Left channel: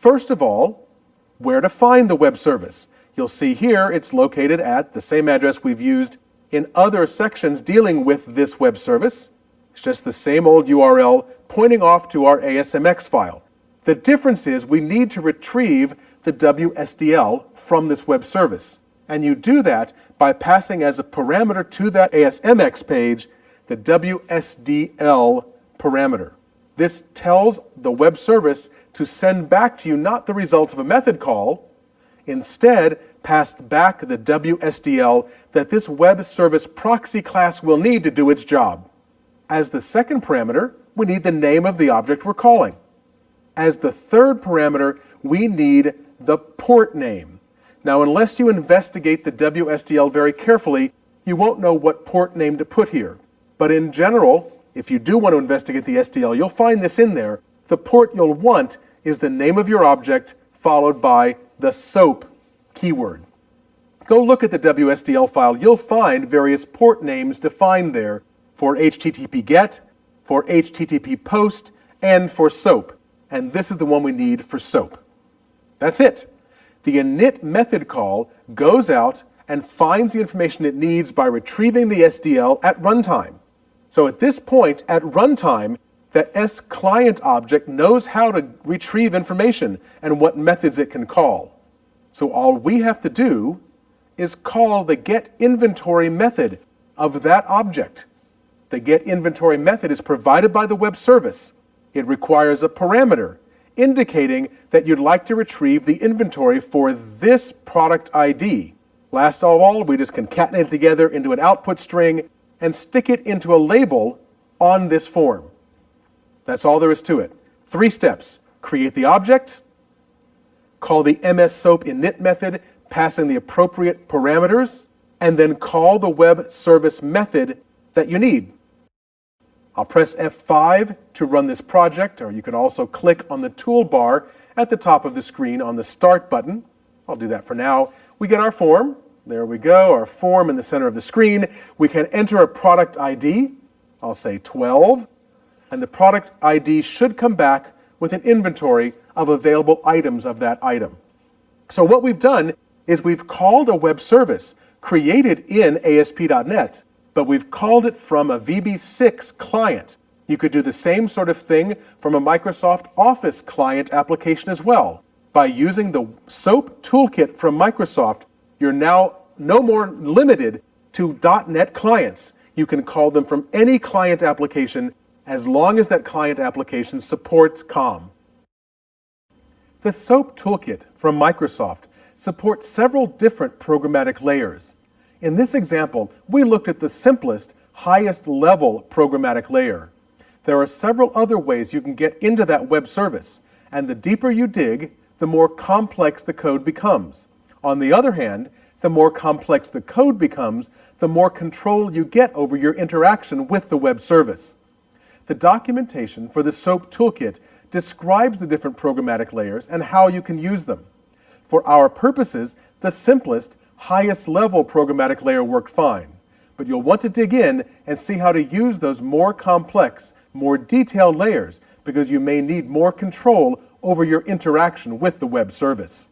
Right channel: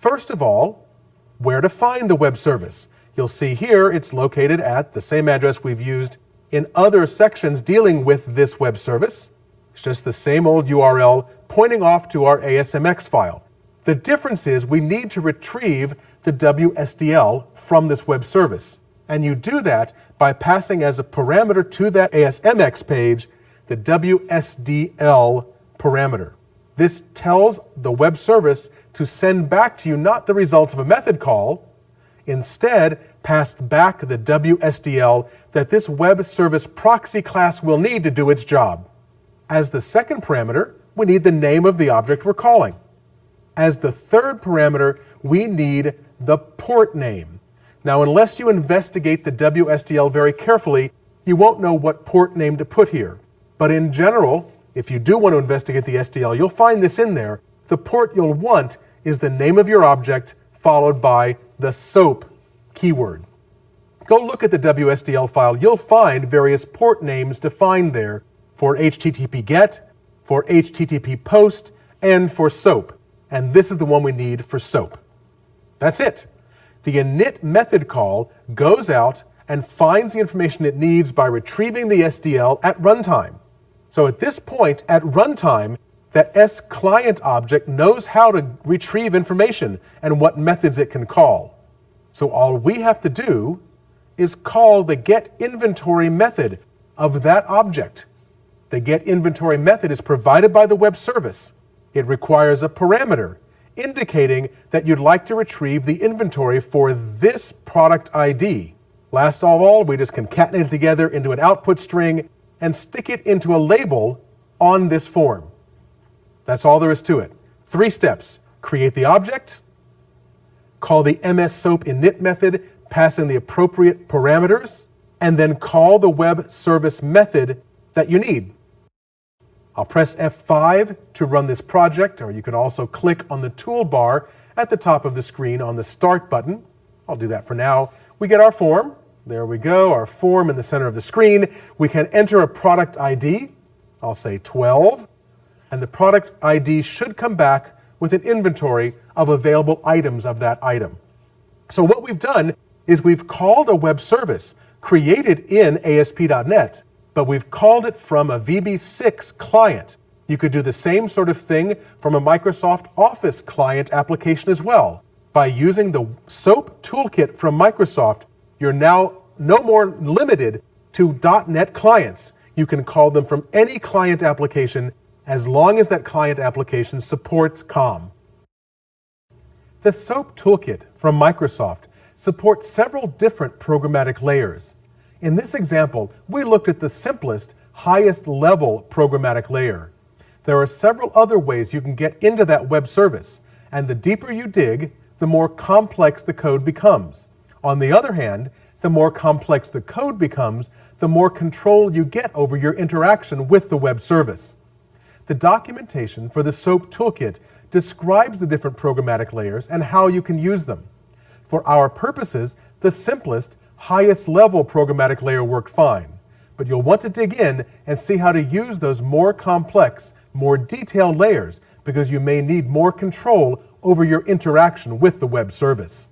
First of all, where to find the web service. You'll see here it's located at the same address we've used in other sections dealing with this web service. It's just the same old URL pointing off to our ASMX file. The difference is we need to retrieve the WSDL from this web service. And you do that by passing as a parameter to that ASMX page the WSDL parameter. This tells the web service to send back to you not the results of a method call, instead passed back the WSDL that this web service proxy class will need to do its job. As the second parameter, we need the name of the object we're calling. As the third parameter, we need the port name. Now, unless you investigate the WSDL very carefully, you won't know what port name to put here. But in general, if you do want to investigate the SDL, you'll find this in there. The port you'll want is the name of your object followed by the SOAP keyword. Go look at the WSDL file. You'll find various port names defined there for HTTP GET, for HTTP POST, and for SOAP. And this is the one we need for SOAP. That's it. The init method call goes out and finds the information it needs by retrieving the SDL at runtime. So at this point, at runtime, that S-client object knows how to retrieve information and what methods it can call. So all we have to do is call the getInventory method of that object. The getInventory method is provided by the web service. It requires a parameter indicating that you'd like to retrieve the inventory for this product ID. Last of all, we just concatenate it together into an output string and stick it into a label on this form. That's all there is to it. 3 steps. Create the object, call the MS-SOAP init method, passing the appropriate parameters, and then call the web service method that you need. I'll press F5 to run this project, or you can also click on the toolbar at the top of the screen on the Start button. I'll do that for now. We get our form. There we go, our form in the center of the screen. We can enter a product ID. I'll say 12. And the product ID should come back with an inventory of available items of that item. So what we've done is we've called a web service created in ASP.NET, but we've called it from a VB6 client. You could do the same sort of thing from a Microsoft Office client application as well. By using the SOAP toolkit from Microsoft, you're now no more limited to .NET clients. You can call them from any client application as long as that client application supports COM. The SOAP toolkit from Microsoft supports several different programmatic layers. In this example, we looked at the simplest, highest level programmatic layer. There are several other ways you can get into that web service, and the deeper you dig, the more complex the code becomes. On the other hand, the more complex the code becomes, the more control you get over your interaction with the web service. The documentation for the SOAP toolkit describes the different programmatic layers and how you can use them. For our purposes, the simplest, highest level programmatic layer worked fine. But you'll want to dig in and see how to use those more complex, more detailed layers because you may need more control over your interaction with the web service.